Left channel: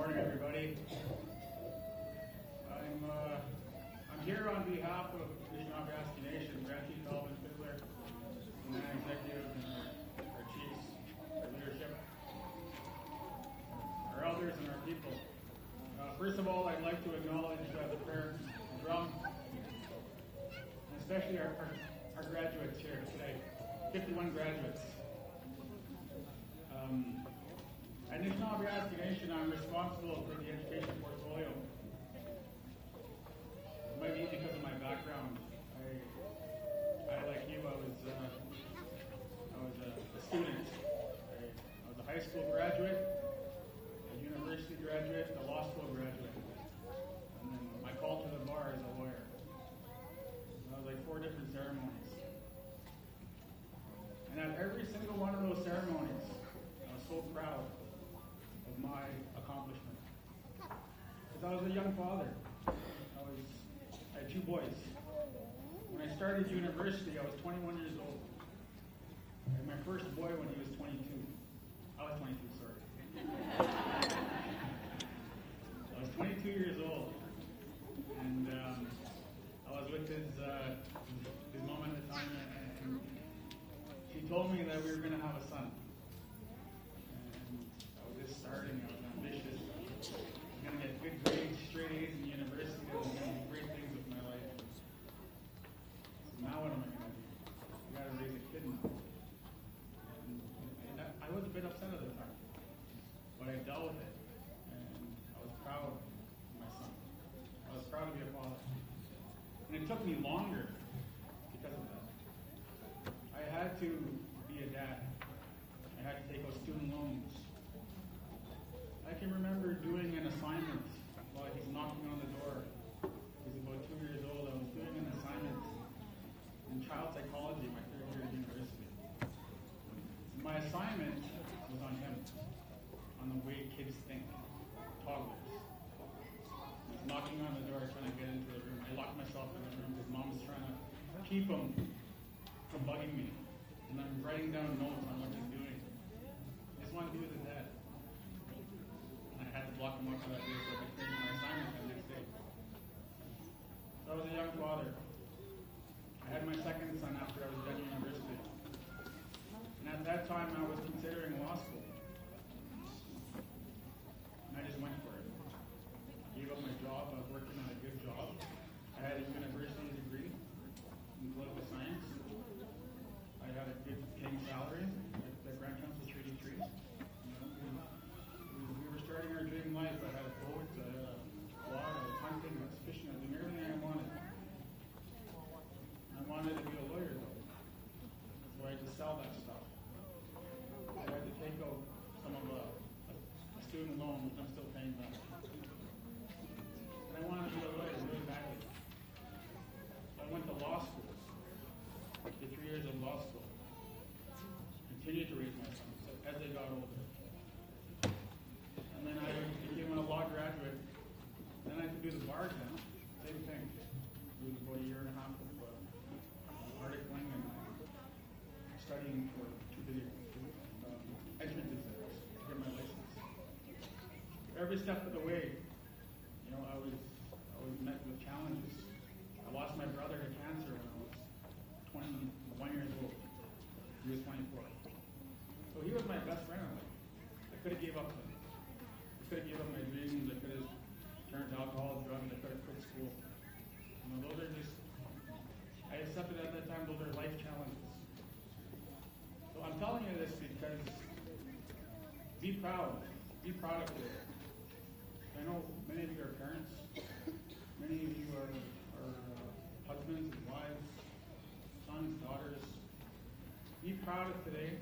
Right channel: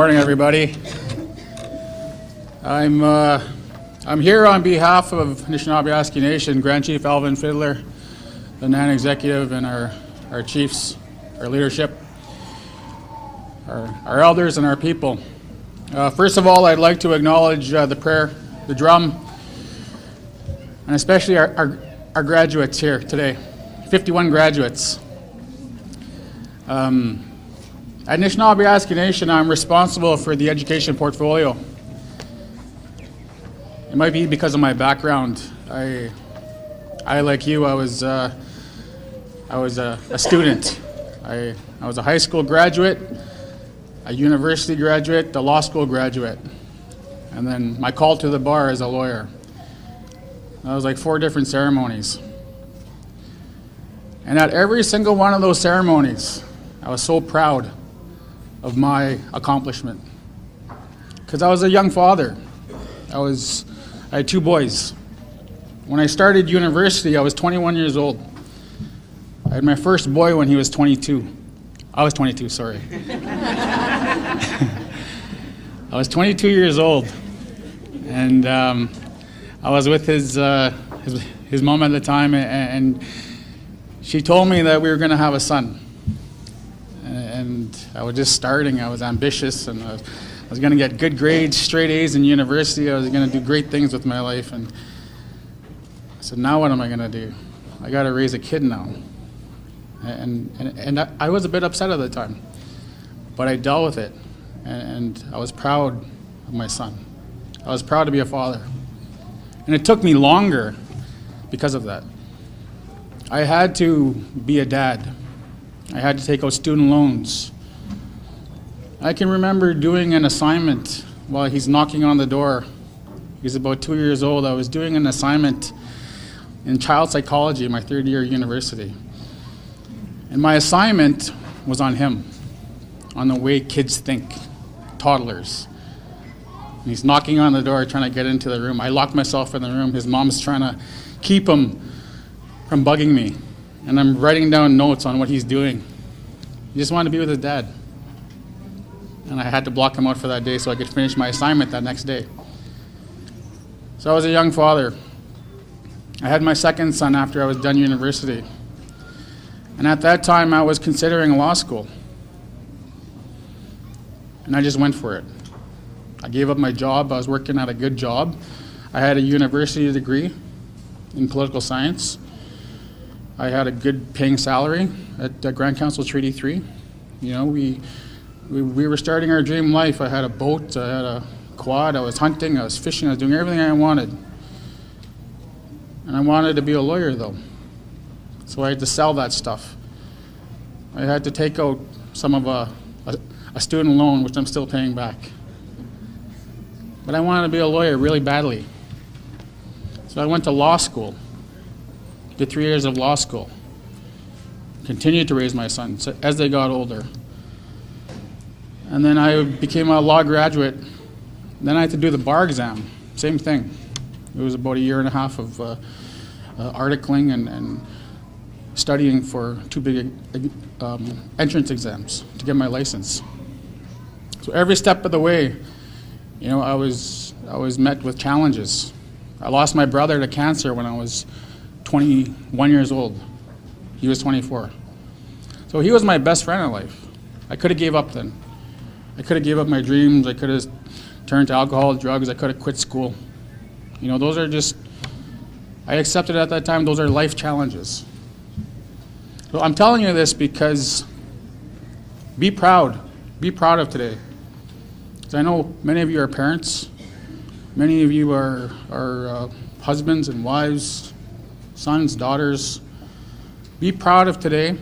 morning, everybody. I'm here on behalf of Nishnawbe-Aski Nation, Grand Chief Alvin Fiddler, the NAN executive, and our chiefs, our leadership, our elders, and our people. First of all, I'd like to acknowledge the prayer, the drum, and especially our graduates here today, 51 graduates. At Nishnawbe-Aski Nation, I'm responsible for the education portfolio. It might be because of my background. I like you, I was a student. I was a high school graduate, a university graduate, a law school graduate, and then my call to the bar as a lawyer. That was like 4 different ceremonies. And at every single one of those ceremonies, I was so proud of my accomplishment. Because I was a young father. I had 2 boys. When I started university, I was 21 years old. I had my first boy when he was 22. I was 22, sorry. I was 22 years old. And I was with his mom at the time, and she told me that we were going to have a son. And I was just starting. I was ambitious, and I was going to get good grades, straight A's in university. I was going to do great things with my life. And I said, now what am I going to do? I got to raise a kid now. And I was a bit upset at the time, but I dealt with it, and I was proud of my son. I was proud to be a father. And it took me longer because of that. I had to be a dad. I had to take out student loans. I can remember doing an assignment while he's knocking on the door. He's about 2 years old. I was doing an assignment in child psychology in my 3rd year university. And my assignment was on him, on the way kids think, toddlers. And he's knocking on the door, trying to get into the room. I locked myself in the room. His mom's trying to keep him from bugging me. And I'm writing down notes on what he's doing. He just wanted to be with his dad. And I had to block him out for that day so I could finish my assignment that next day. So I was a young father. I had my 2nd son after I was done university. And at that time, I was considering law school. And I just went for it. I gave up my job. I was working at a good job. I had a university degree in political science. I had a good paying salary at Grand Council Treaty 3. You know, we were starting our dream life. I had a boat, I had a quad, I was hunting, I was fishing, I was doing everything I wanted. And I wanted to be a lawyer, though. So I had to sell that stuff. I had to take out some of a student loan, which I'm still paying back. But I wanted to be a lawyer really badly. So I went to law school. Did 3 years of law school. Continued to raise my sons as they got older. And then I became a law graduate. Then I had to do the bar exam. Same thing. It was about 1.5 years of articling and studying for 2 big entrance exams to get my license. So every step of the way, you know, I was met with challenges. I lost my brother to cancer when I was 21 years old. He was 24. So he was my best friend in life. I could have gave up then. I could have gave up my dreams. I could have turned to alcohol, drugs. I could have quit school. You know, those are just, I accepted at that time, those are life challenges. So I'm telling you this because be proud. Be proud of today. Because I know many of you are parents. Many of you are husbands and wives, sons, daughters. Be proud of today,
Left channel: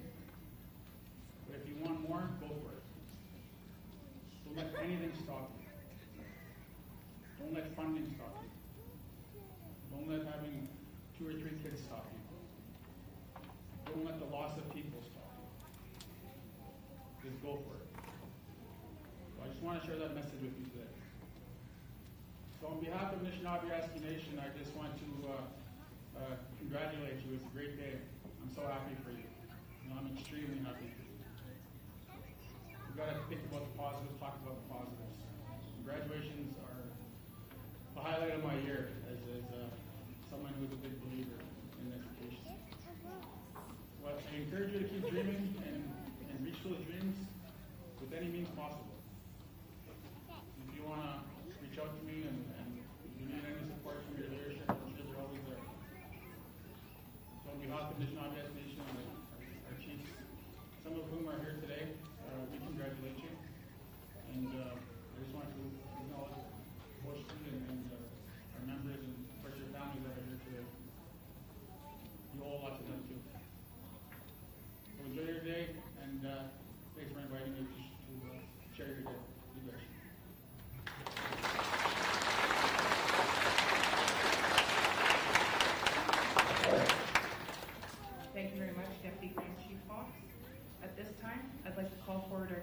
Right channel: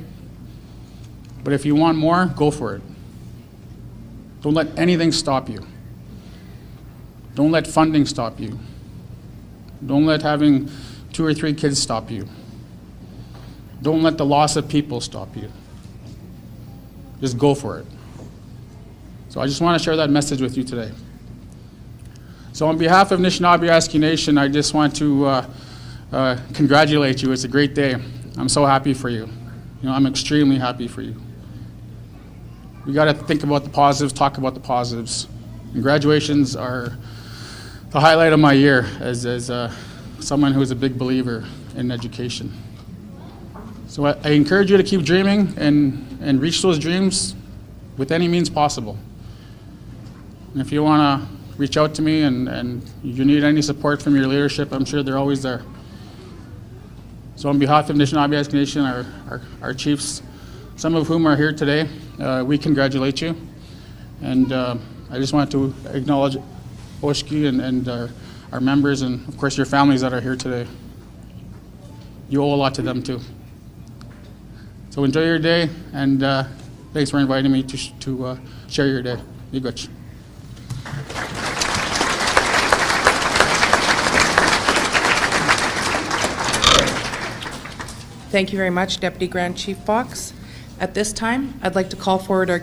but if you want more, go for it. Don't let anything stop you. Don't let funding stop you. Don't let having 2 or 3 kids stop you. Don't let the loss of people stop you. Just go for it. So I just want to share that message with you today. So on behalf of Nishnawbe-Aski Nation, I just want to congratulate you. It's a great day. I'm so happy for you. You know, I'm extremely happy for you. we got to think about the positives, talk about the positives. And graduations are the highlight of my year as someone who is a big believer in education. So I encourage you to keep dreaming and reach those dreams with any means possible. And if you want to reach out to me and you need any support from your leadership, I'm sure they're always there. So on behalf of Nishnawbe-Aski Nation, our chiefs, some of whom are here today, we congratulate you. And I just want to acknowledge Oshki and our members and, of course, your families that are here today. You owe a lot to them, too. So enjoy your day, and thanks for inviting me to share your day. Be good. Thank you very much, Deputy Grand Chief Fox. At this time, I'd like to call forward our